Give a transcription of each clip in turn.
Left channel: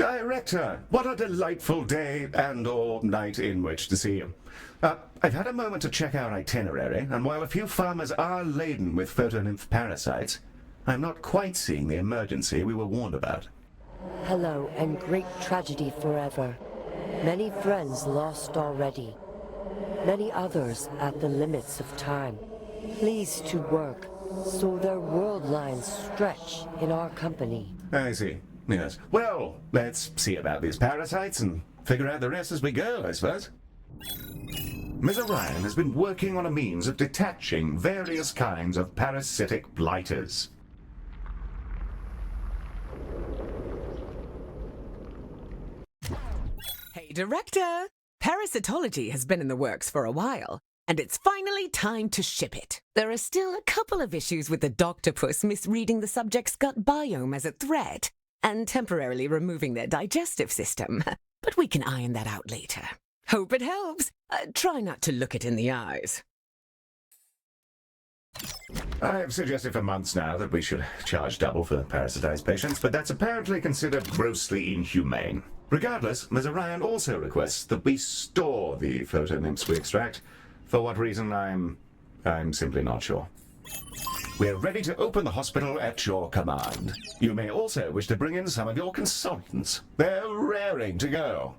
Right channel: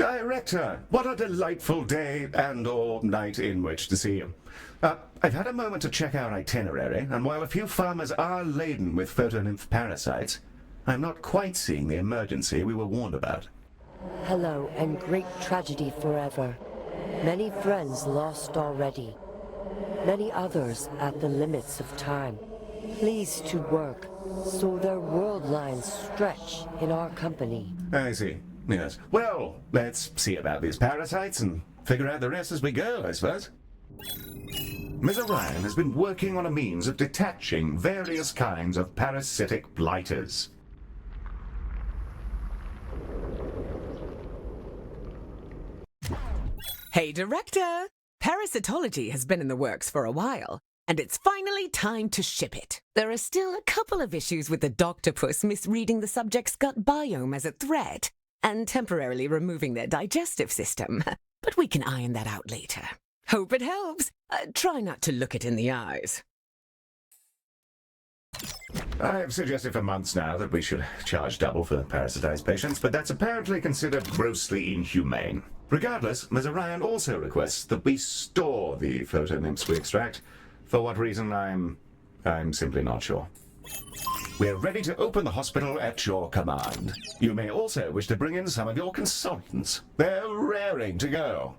Director, what a delightful day and/or night in which to see you. I've had a moment to check our itinerary, and while a few farmers are laden with photonymph parasites, I'm not quite seeing the emergency we were warned about. Hello, and great tragedy forever. Many friends lost already. Many others at the limits of time. Pleased to work, so their world lines stretch in our company. I see. Yes. Well, let's see about these parasites and figure out the rest as we go, I suppose. Ms. Orion has been working on a means of detaching various kinds of parasitic blighters. Hey, Director! Parasitology has been in the works for a while, and it's finally time to ship it. There are still a couple of issues with the doctopus misreading the subject's gut biome as a threat, and temporarily removing their digestive system. But we can iron that out later. Hope it helps. Try not to look it in the eyes. I've suggested for months now that we should charge double for parasitized patients, but that's apparently considered grossly inhumane. Regardless, Ms. Orion also requests that we store the photonymphs we extract. For what reason, I'm simply not sure. We're ready to open the hospital at your command. You may also wish to bring in some of your consultants. They're raring to go.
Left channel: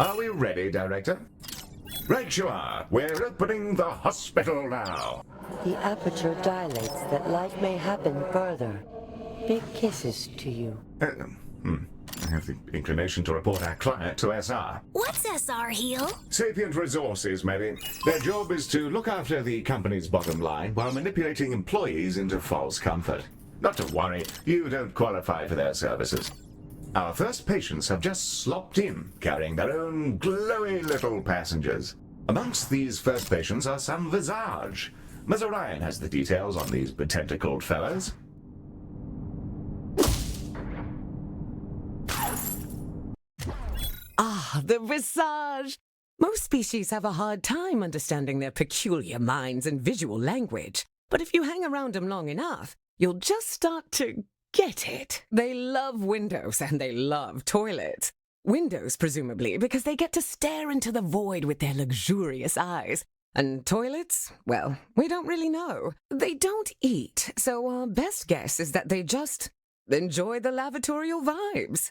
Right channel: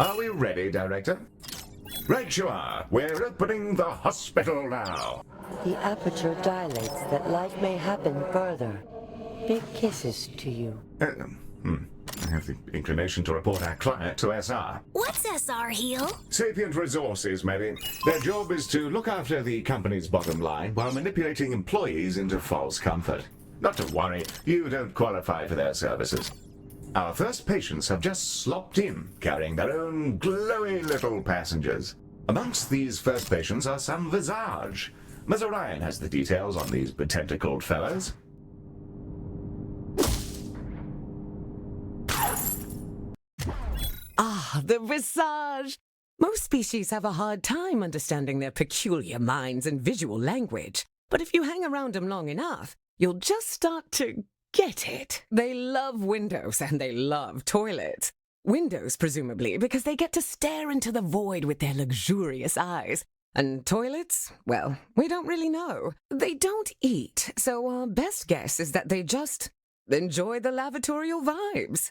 Are we ready, Director? Right you are. We're opening the hospital now. The aperture dilates that life may happen further. Big kisses to you. I have the inclination to report our client to SR. What's SR, Heel? Sapient Resources, maybe. Their job is to look after the company's bottom line while manipulating employees into false comfort. Not to worry, you don't qualify for their services. Our first patients have just slopped in, carrying their own glowy little passengers. Amongst these first patients are some Visage. Ms. Orion has the details on these betentacled fellows. Ah, the Visage! Most species have a hard time understanding their peculiar minds and visual language. But if you hang around them long enough, you'll just start to get it. They love windows and they love toilets. Windows, presumably, because they get to stare into the void with their luxurious eyes. And toilets? Well, we don't really know. They don't eat, so our best guess is that they just enjoy the lavatorial vibes.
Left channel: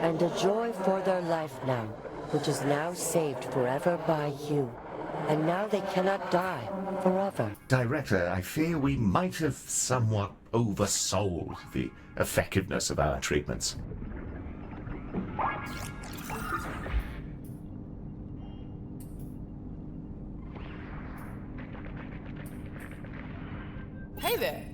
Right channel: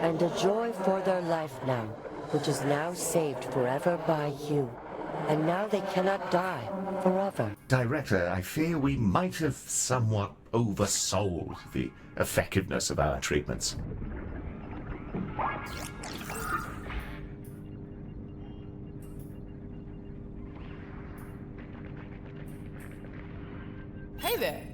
And a joy for their life now, which is now saved forever by you. And now they cannot die forever. Director, I fear we might have somewhat oversold the effectiveness of our treatments. Hey there.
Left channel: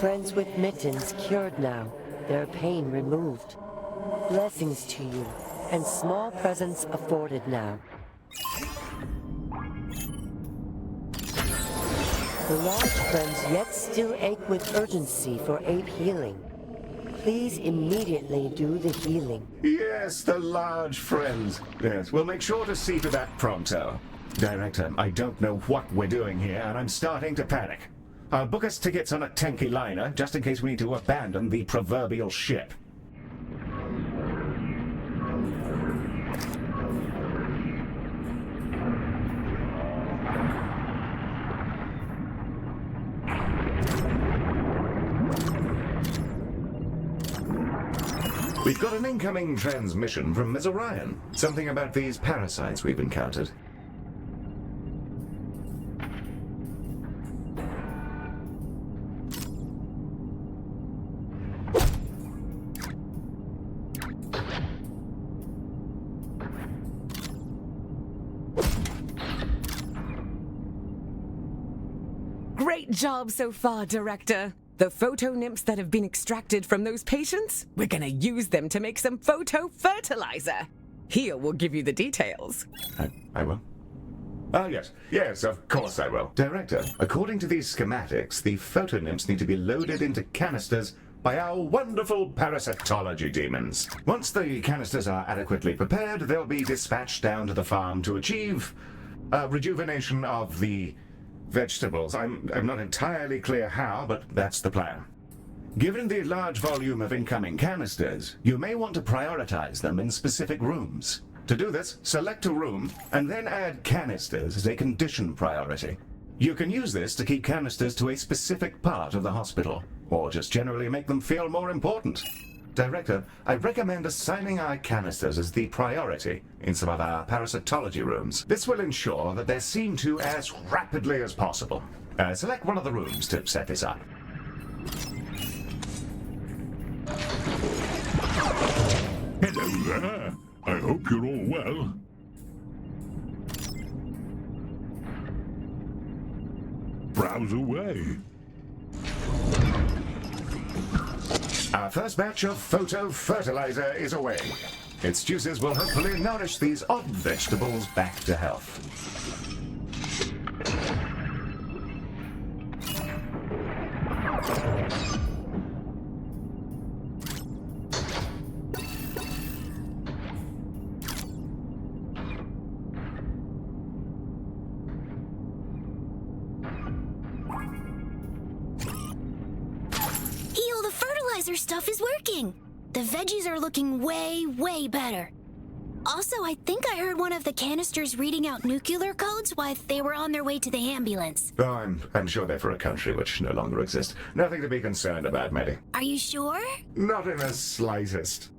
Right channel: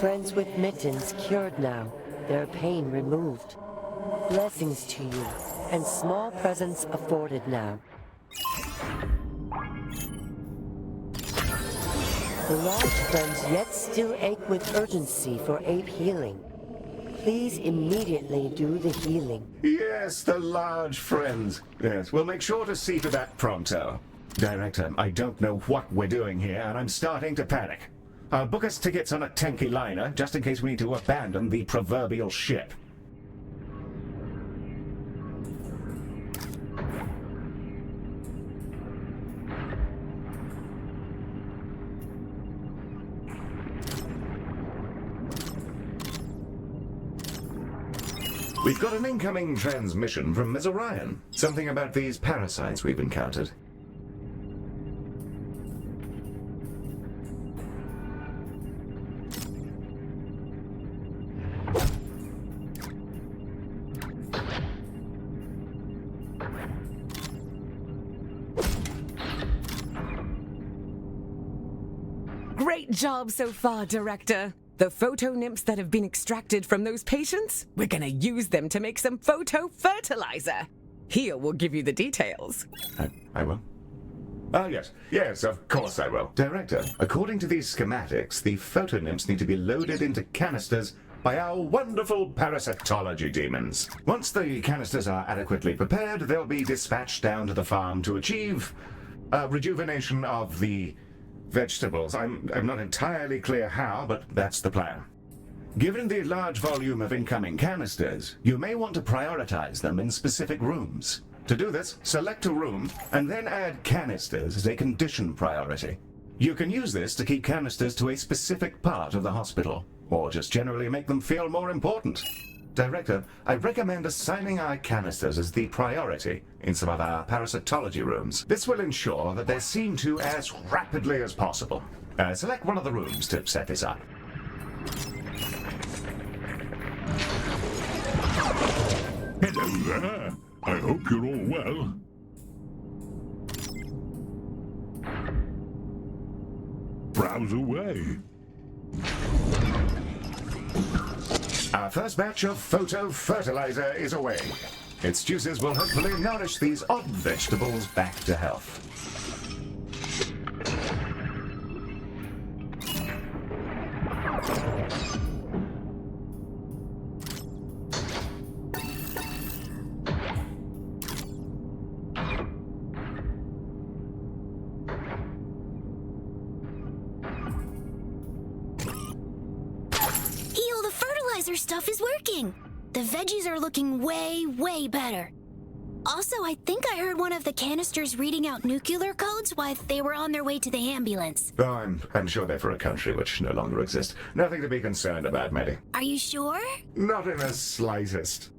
friends with mittens cured now, their pain removed. Blessings to you, and small presents afforded now. The large friends yet still ache with urgency for ape healing. Please immediately do the healing. Yes, the large friends. Yes, we'll make sure to see to that pronto. Director, I don't know what we're doing here, and I'm starting to panic. I'll book us tickets on a tanky liner, just in case we need to abandon the proverbial ship. We've got an incoming transmission from Ms. Orion. Something about these parasites we've encountered. Great job so far, Director. The photo nymphs that have been extracted from those patients, we're gonna use them to make some photo fertilizer. Here will give you the details. I will. Ah, yes. Yes, of course I will. Director, according to these schematics, the photonymphs need to be loaded into canisters by our wonderful parasitology demons. Once the canisters are adequately prepared, they'll be dispatched down to the farm to achieve rejuvenation of the vegetables. I'm not entirely clear how, but that's the plan. Given the large volume of incoming canisters, you may want to prioritize them in specific rooms. To do this, select a room and then add canisters as a condition priority. You can use this to keep canisters to a specific part of the hospital, or just generally make them feel more important. Director, I recommend assigning our canisters as the priority in some of our parasitology rooms. This will ensure that they're seen to as rapidly as possible. Select one of the rooms to set this up. Hello there. I hope you're all well. Browse away. Our first batch of photo fertilizer is away. Its juices will hopefully nourish these odd vegetables back to health. Stuff is working. The veggies are looking way better. Also, I think I heard one of the canisters reading out nuclear codes while they were on their way to the ambulance. Oh, I'm sure they're for a country which no longer exists. Nothing to be concerned about, Maddie. Are you sure? Not in the slightest.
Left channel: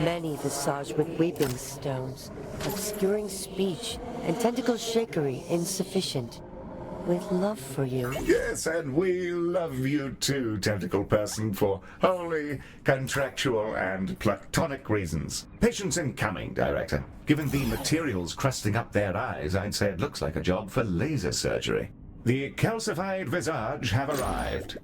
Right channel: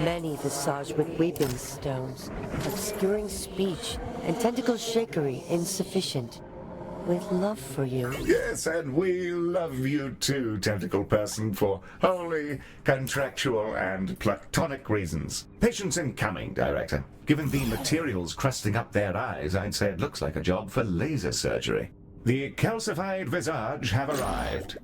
Many visaged with weeping stones, obscuring speech, and tentacle shakery insufficient. With love for you. Yes, and we love you too, tentacle person, for wholly contractual and platonic reasons. Patience incoming, Director. Given the materials crusting up their eyes, I'd say it looks like a job for laser surgery. The calcified visage have arrived.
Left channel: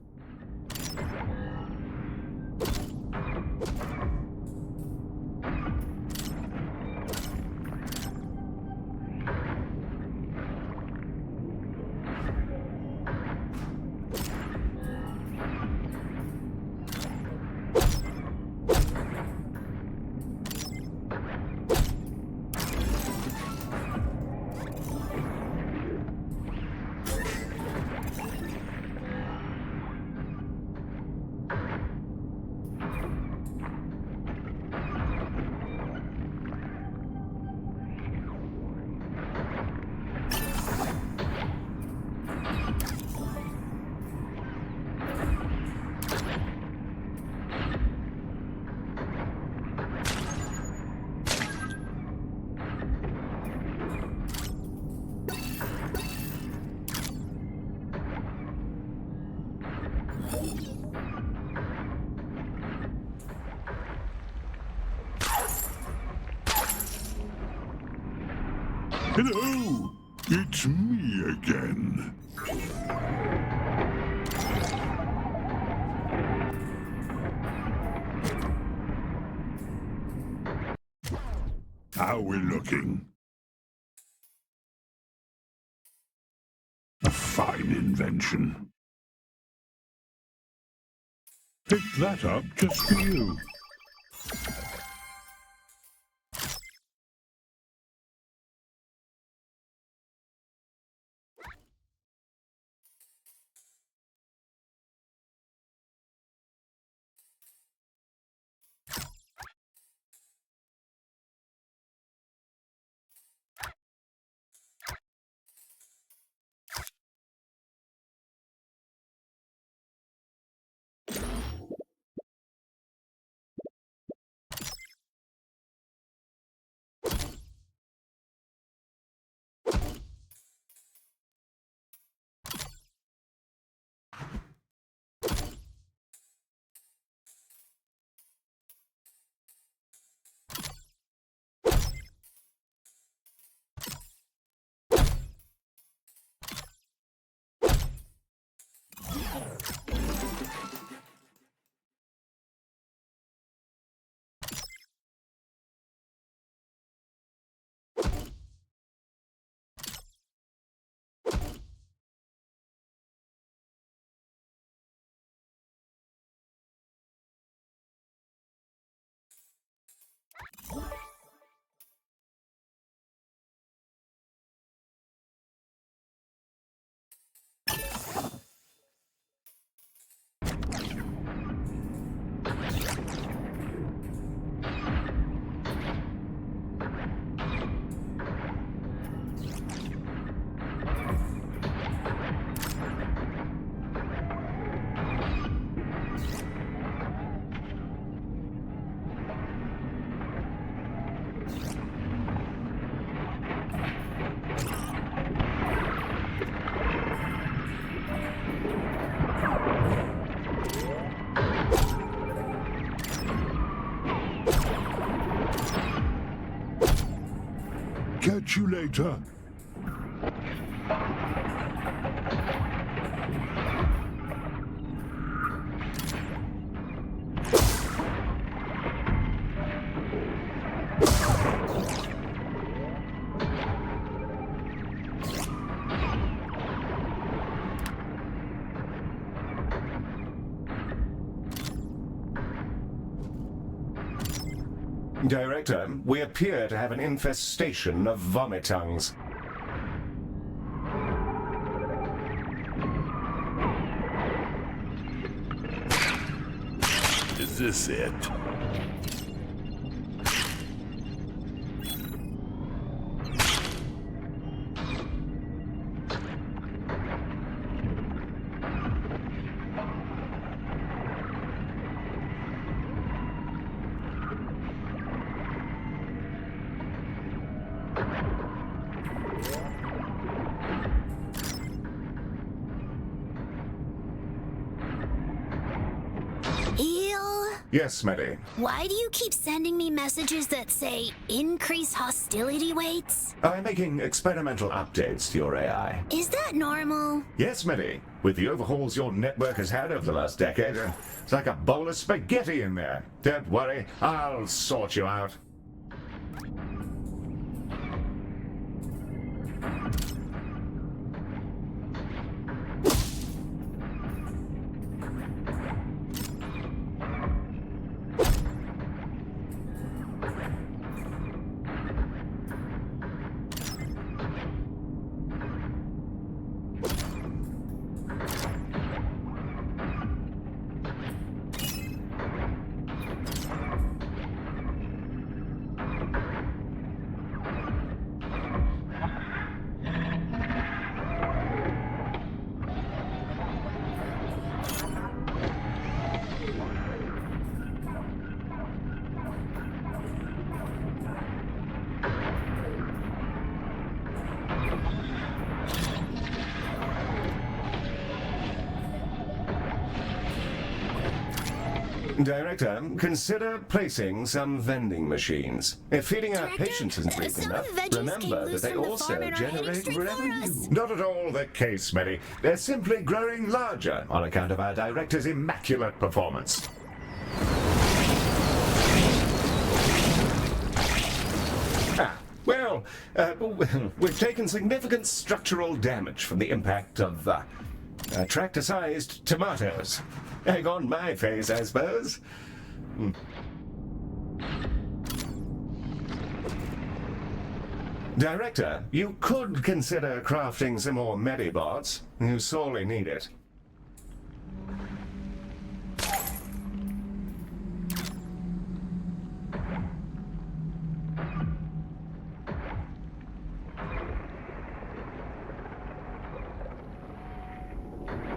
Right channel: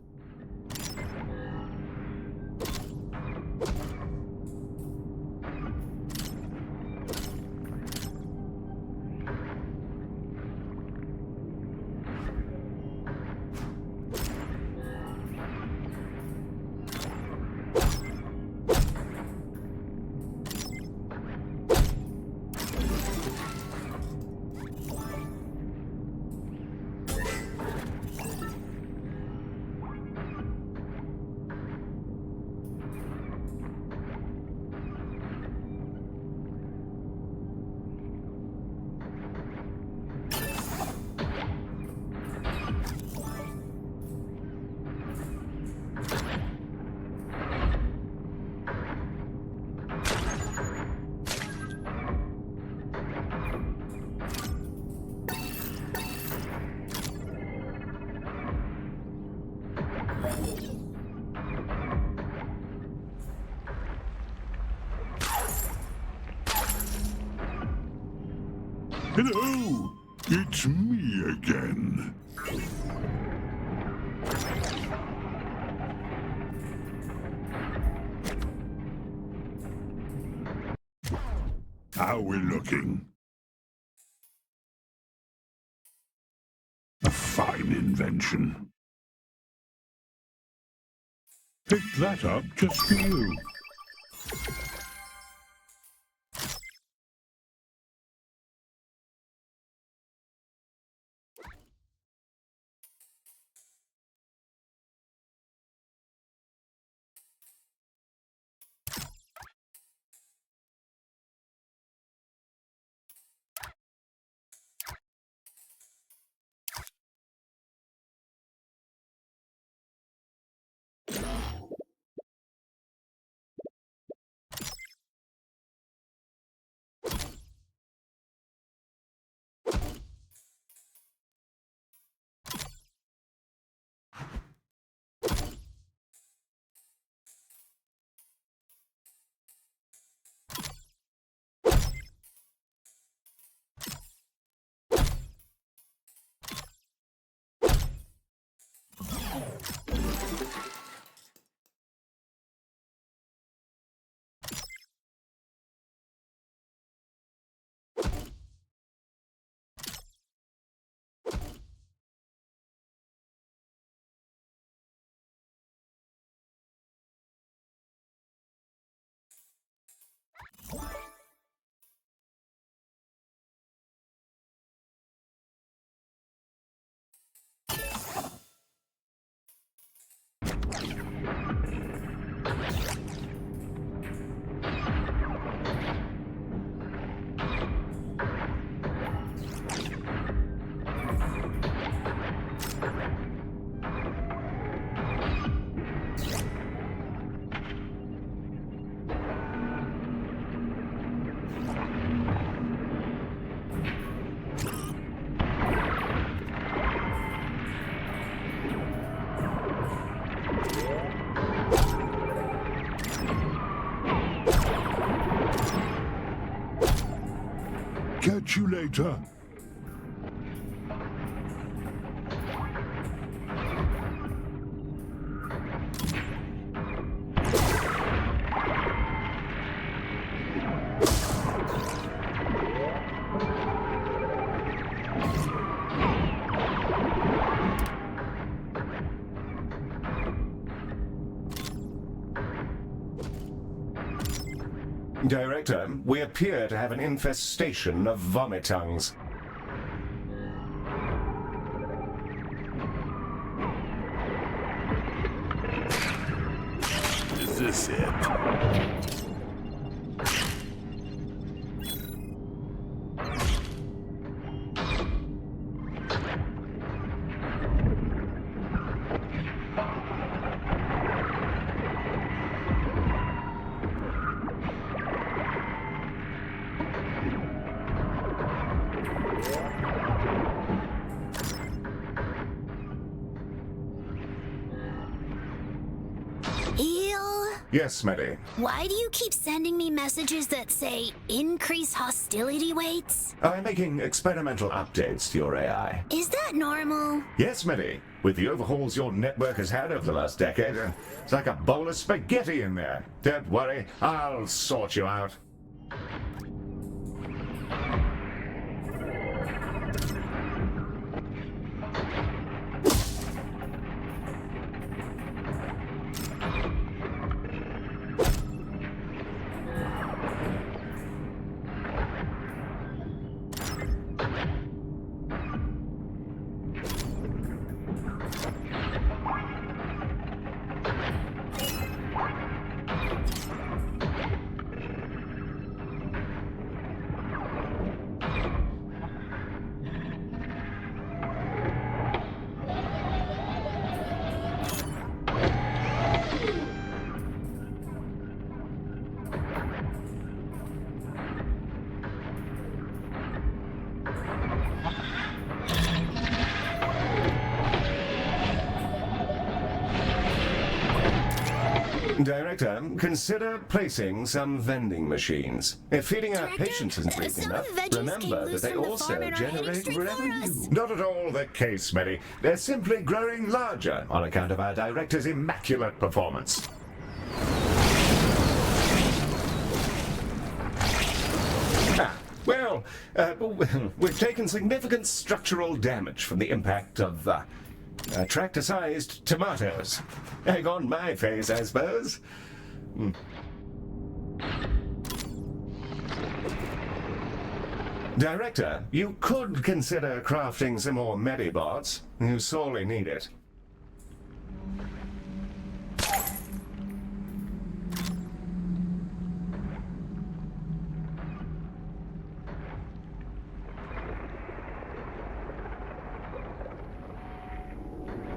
Hello! It's me again. How we looking? A fine invention. Pick that up just for you. Catch you later. Director, we appear to have an infestation of vomitungs. Is this it? Yes, Smitty. Why do you keep sending me messages that say increase hostility weights? I'm making experimental updates to your AI. Is that normal? Yes, Smitty. With the overhauls your network has had over the last decade, it's like a bowl of spaghetti in there. Don't worry, I'll sort you out. Director, consider placing some vending machines. If feeding our Director, patients isn't great some of enough, the veggies came remember that loose they from the also farm and are heading generate straight for revenue. us. Not at all the case, Smitty. They're simply growing larger on account of our director's immaculate performance. Well, we've taken significant structural damage from the impact of tractor-sized tomatoes. Egg on my face, I suppose. Director, you could consider crafting some more Medibots. You sorely need it.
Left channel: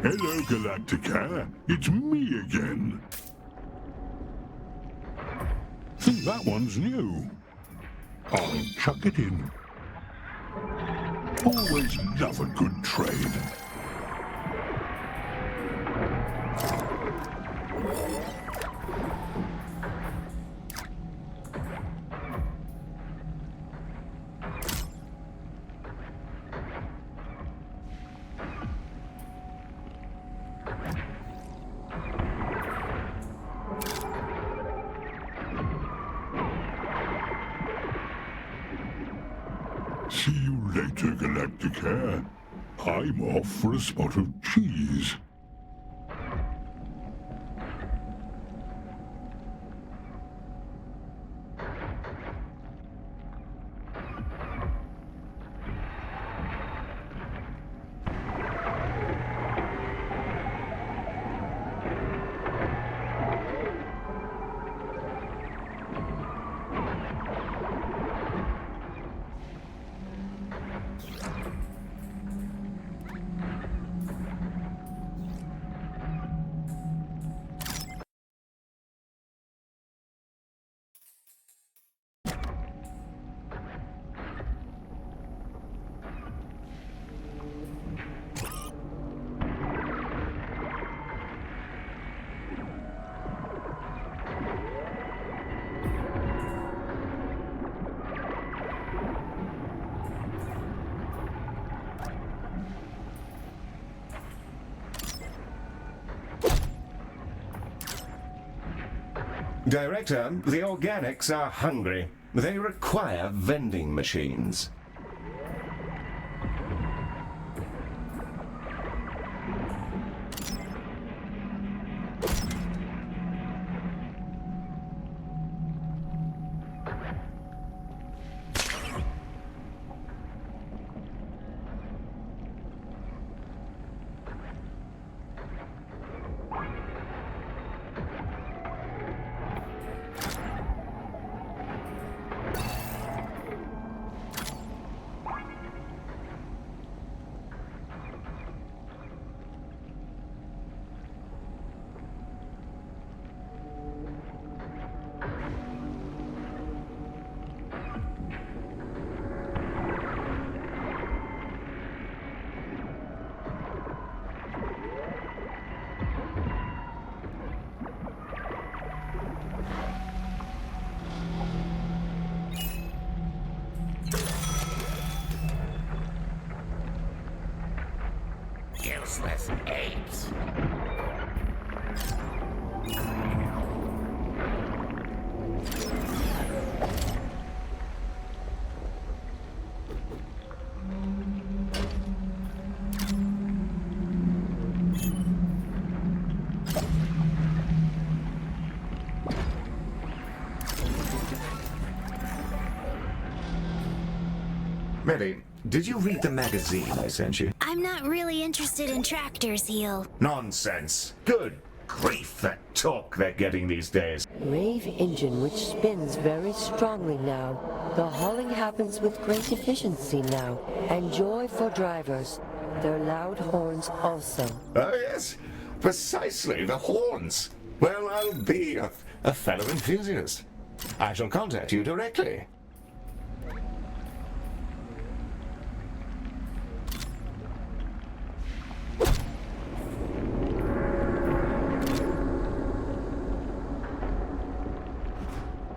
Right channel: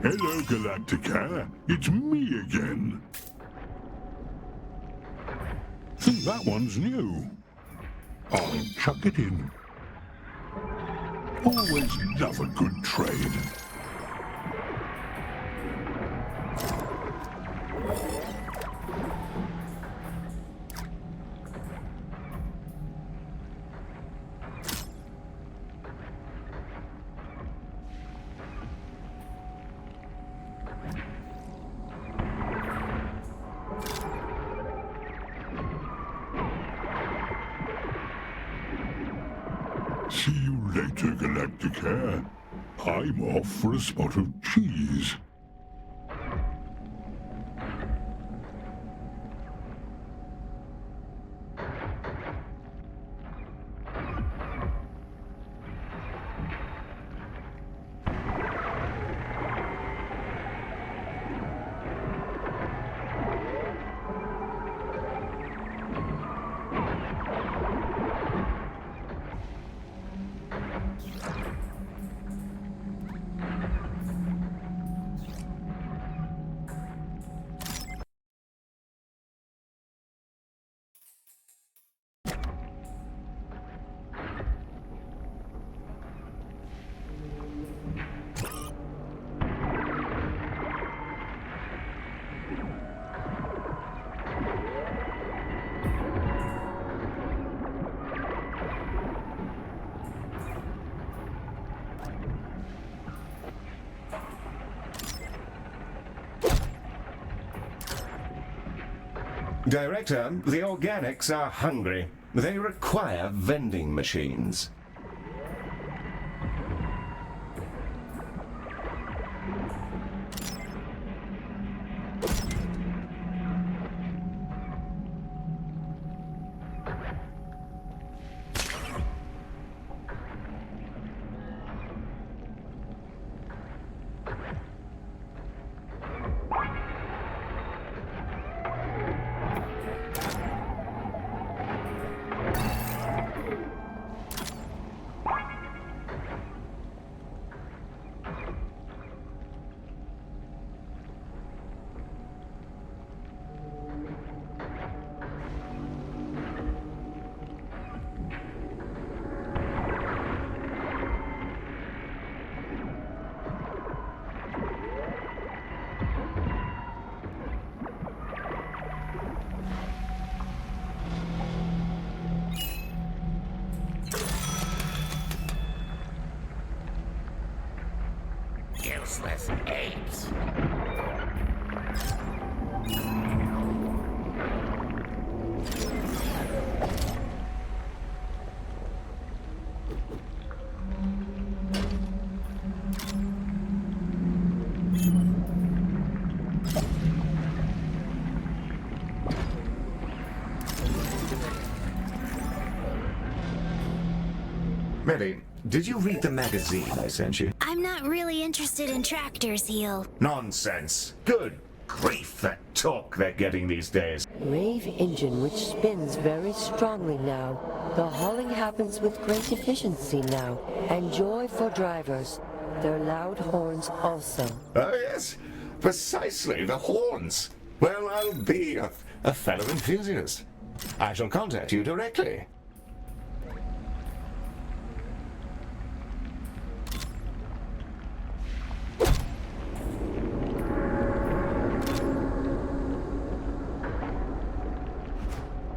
Hello, Galacticare. It's me again. Think that one's new. I'll chuck it in. Always love a good trade. See you later, Galacticare. I'm off for a spot of cheese. Director, the organics are hungry. They require vending machines. Great! Millie, did you read the magazine I sent you? I'm not really interested in tractors, Heel. Nonsense. Good grief, that talk they're getting these days. Rave engine which spins very strongly now. The hauling happens with great efficiency now, and joy for drivers. Their loud horns also. Oh, yes. Precisely, the horns. Well, I'll be a fellow enthusiast. I shall contact you directly.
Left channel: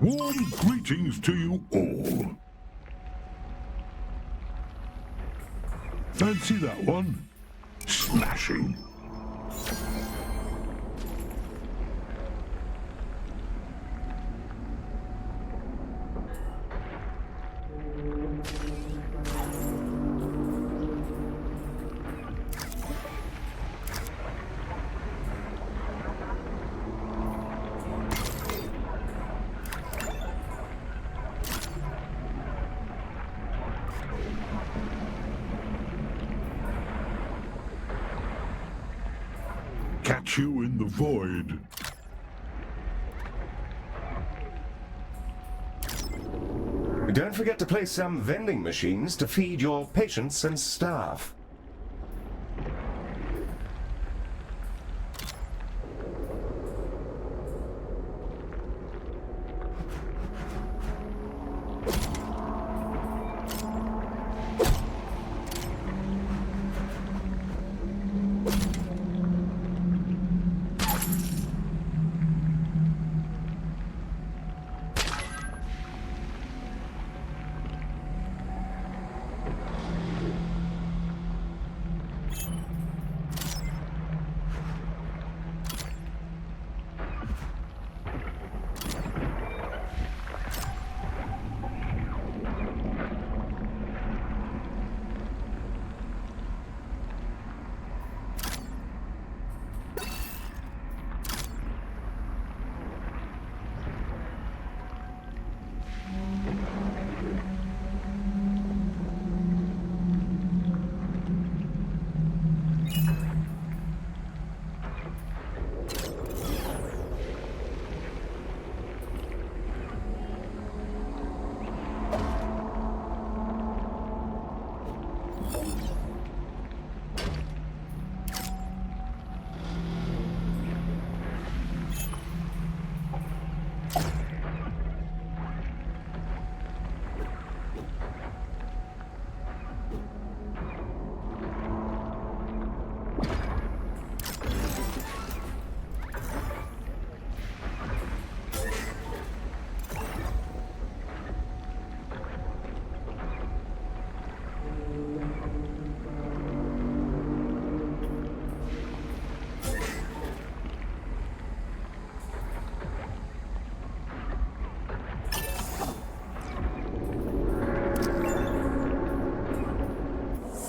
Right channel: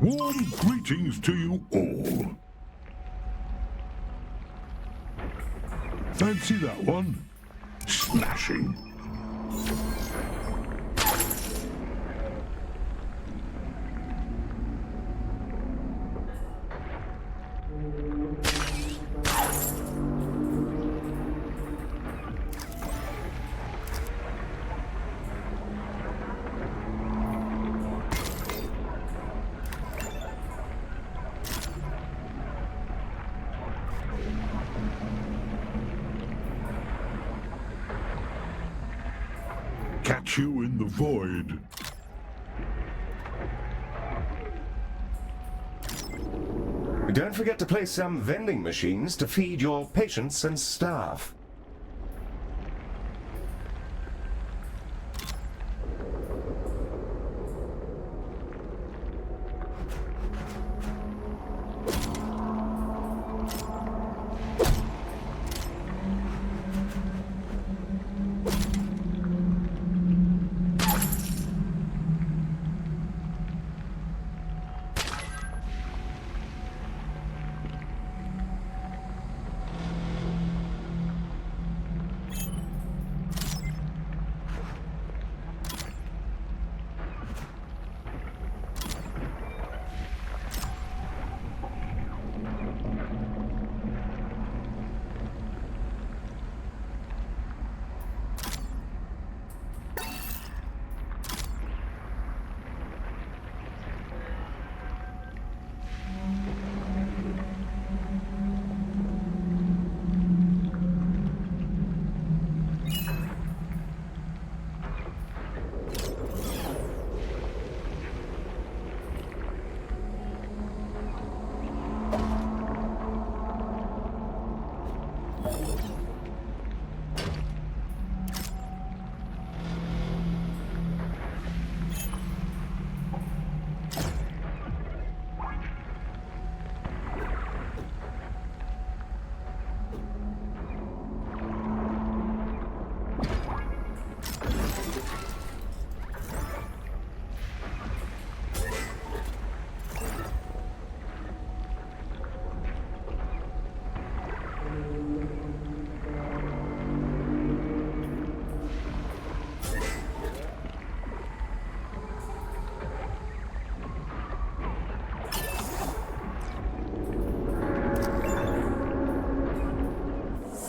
Warm greetings to you all. Fancy that one? Smashing. Catch you in the void. Don't forget to place some vending machines to feed your patients and staff.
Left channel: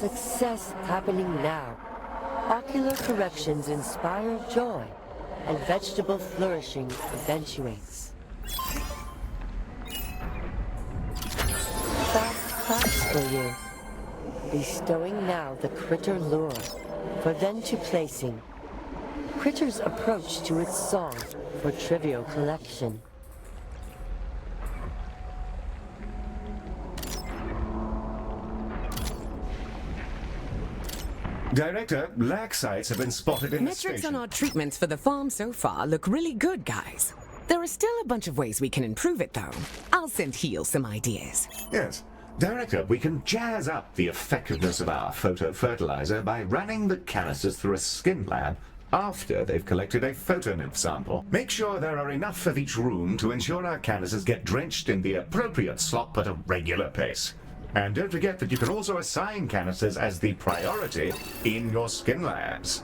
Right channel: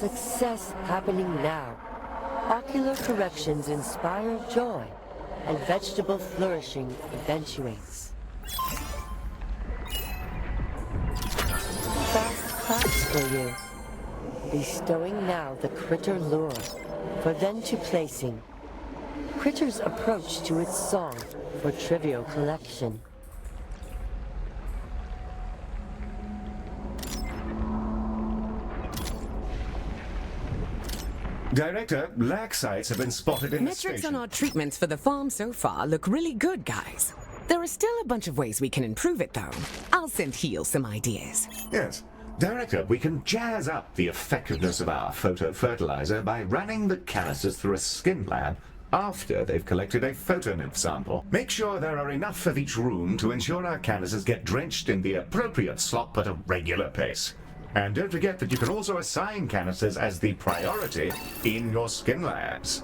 Success happening now. Ocular corrections inspire joy, and vegetable flourishing eventuates. Fast claps for you. Bestowing now the critter lure, for then to placing. Critter's approach to its song for trivial collection. Director, lack sites have been spotted in the Metrics station. on our treatments for the farm so far look really good, guys. There are still a bunch of ways we can improve it, though. I'll send Heel some ideas. Yes. Director, we can jazz up the effectiveness of our photo-fertilizer by running the canisters through a skin lab after they've collected a photonymph sample. Make sure there are enough of each room to ensure our canisters get drenched in the appropriate slop at a regular pace. And don't forget that you can also assign canisters as the priority in your skin labs.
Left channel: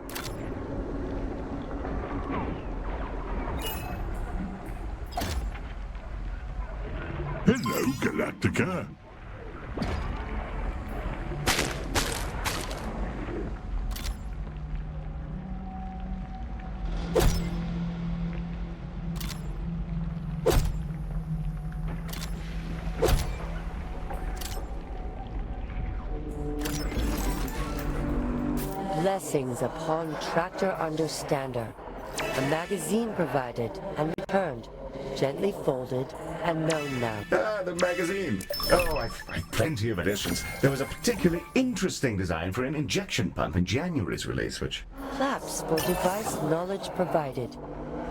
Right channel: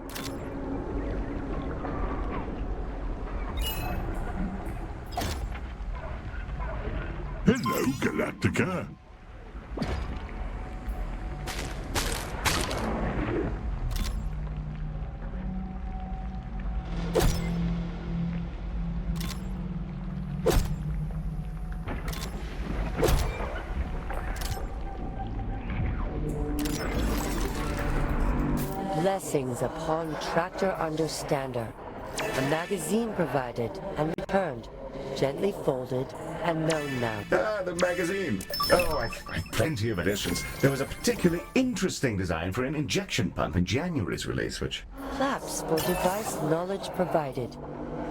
Hello, Galactica. Blessings upon Tractor Understander. A magazine provided and returned, gently folded and known now. Ah, the magazine. Oh, I've plenty of editions. There was a particularly interesting design for an injection pump in January's release, which... Flaps for device knowledge provided.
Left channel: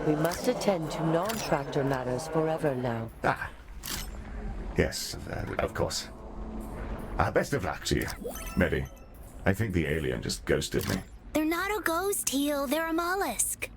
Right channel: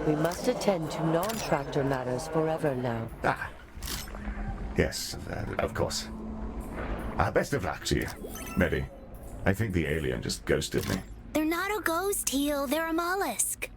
We must attend to non-tractor matters forever now. Ah. Yes, of course. Best of luck to you, Medi. I think the alien just ghosted me. They're not a ghost, Heel. They're a mollusk.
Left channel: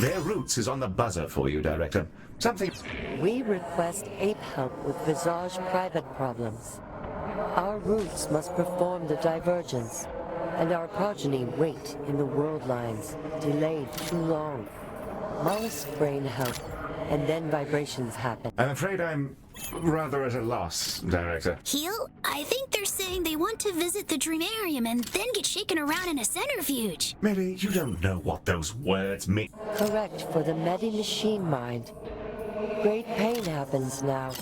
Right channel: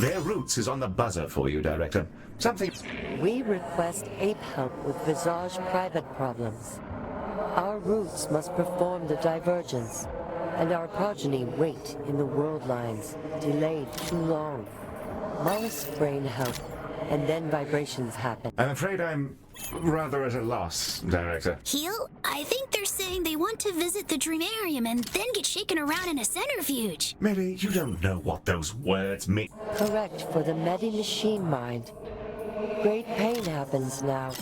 Their roots is on the buzzer for you, Director. Something... We request ape help with Visage private problems. Our roots must perform the divergence, and our progeny wait in the world lines, delayed too long. Mollusk brain help, and then vibrations happen. I'm afraid I'm rather at a loss, Director. Heel, I think they're saying they want to visit the Dreamarium and then get shaken around in a centrifuge. Medi, you don't know what those words mean. Correct for the Medi-Machine mind. Great pain happens now.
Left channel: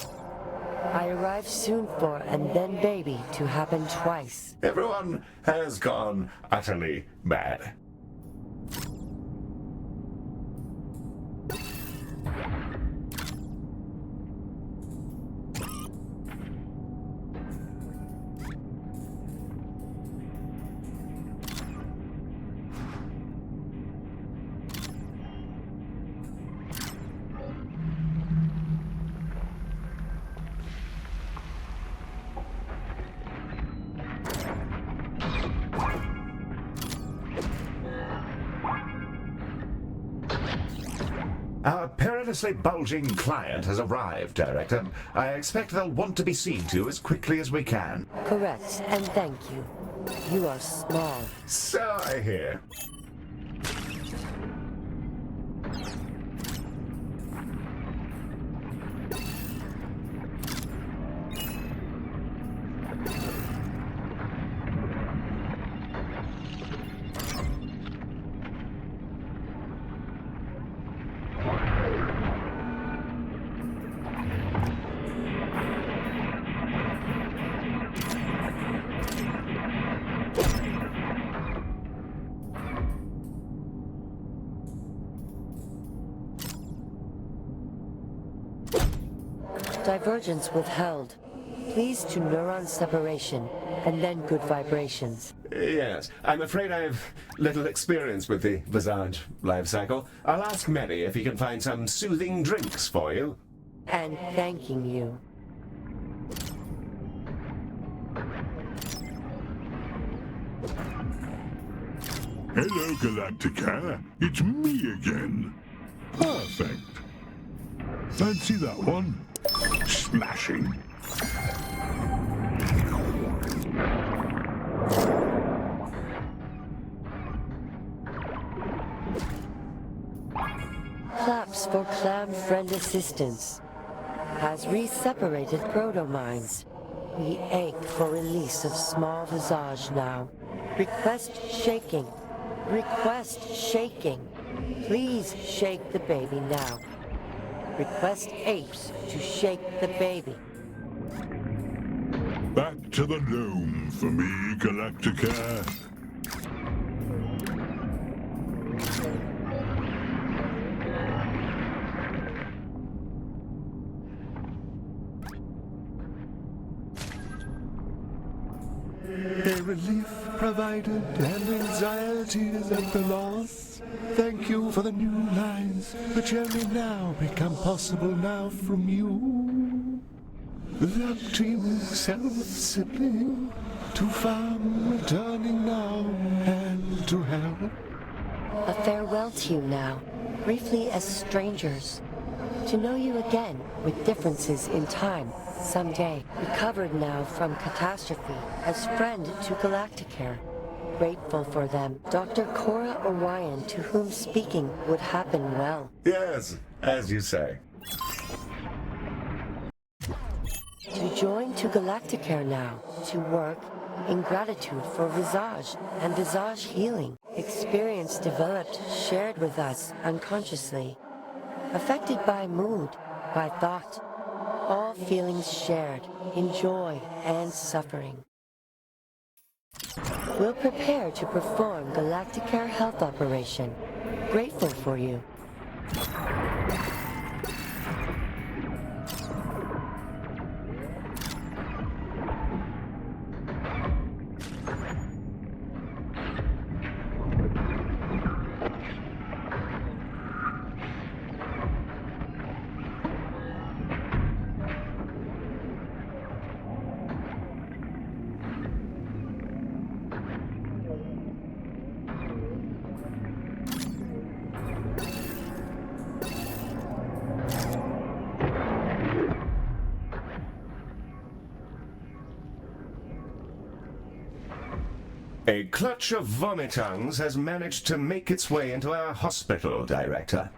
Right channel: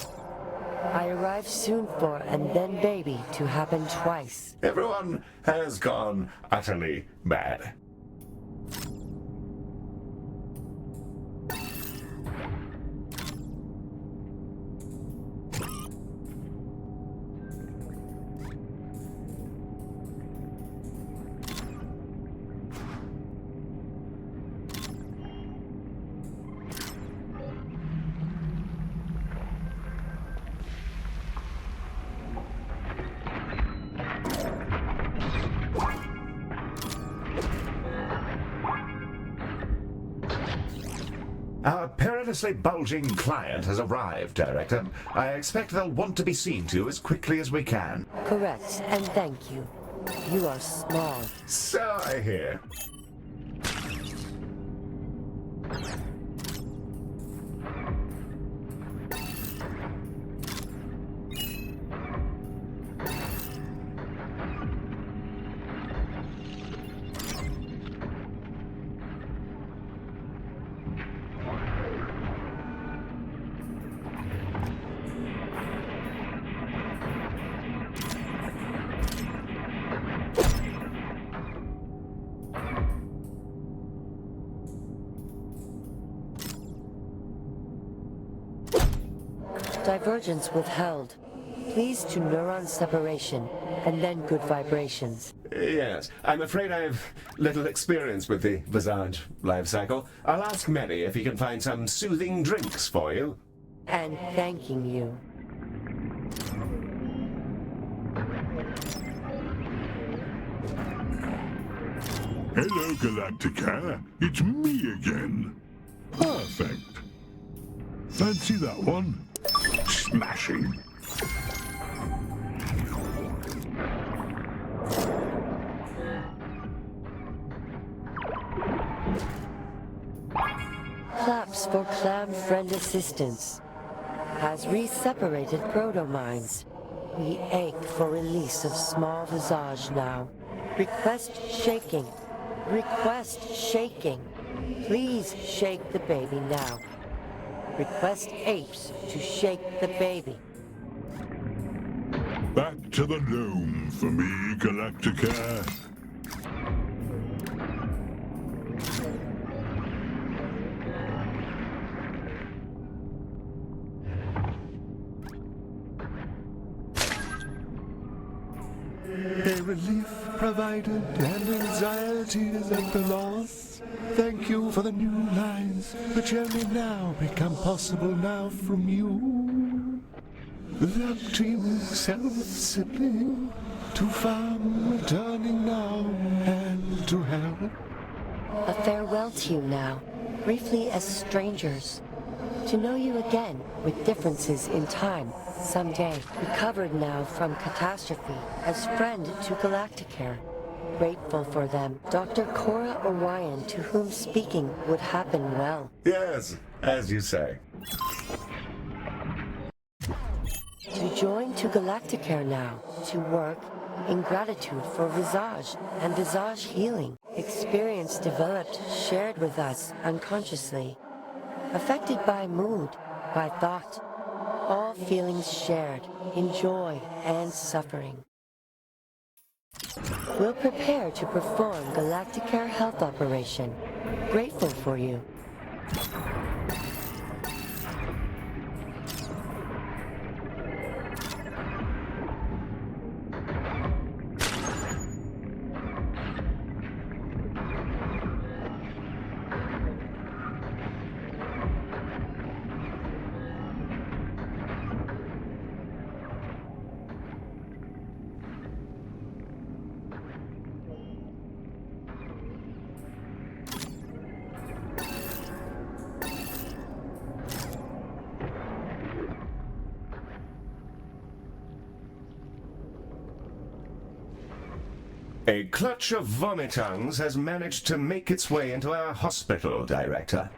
I arrive soon for and then baby to happen twice. Everyone has gone utterly mad. Our perilously bulging client has arrived, Director. I expect they'll want to be seen to as quickly as we can. Correct, and thank you. You are small. So I hear. Divergence withheld. Please to neuron separation, and then good vibrations. Yes, I'm afraid I have little experience with the Visage life cycle. I'll ask Mary if he can find some soothing drinks for you. And thanking you. Hello, Galacticare. It's me again. Perfect. Fancy that one? Smashing. Claps for clan friend assistance. Has re-separated proto-minds. We ache for release of small visage now. Request shaking. Request shaking. Please shake the baby now. Request apes to shake the baby. Back to the dome for me, Galacticare. A relief provided and anxieties at the loss. Thank you for the new lines, which only now become possible now from you. The team self-sibling, to farm returning now, and to help. A farewell to you now, briefly as strangers. To know you again, with differences in time, someday. Recovered now from catastrophe, as friend to Galacticare. Grateful for them. Dr. Cora Orion, to whom speaking would happen well. Yes, as you say. To join to Galacticare now, to work in gratitude for Visage and Visage healing. Experience developed, shared with us unconsciously. Affected by mood, by thought. All feelings shared, in joy and suffering. We'll prepare to perform Galacticare health operation. Grateful for you. A clutch of vomitungs has managed to make its way into our hospital, Director.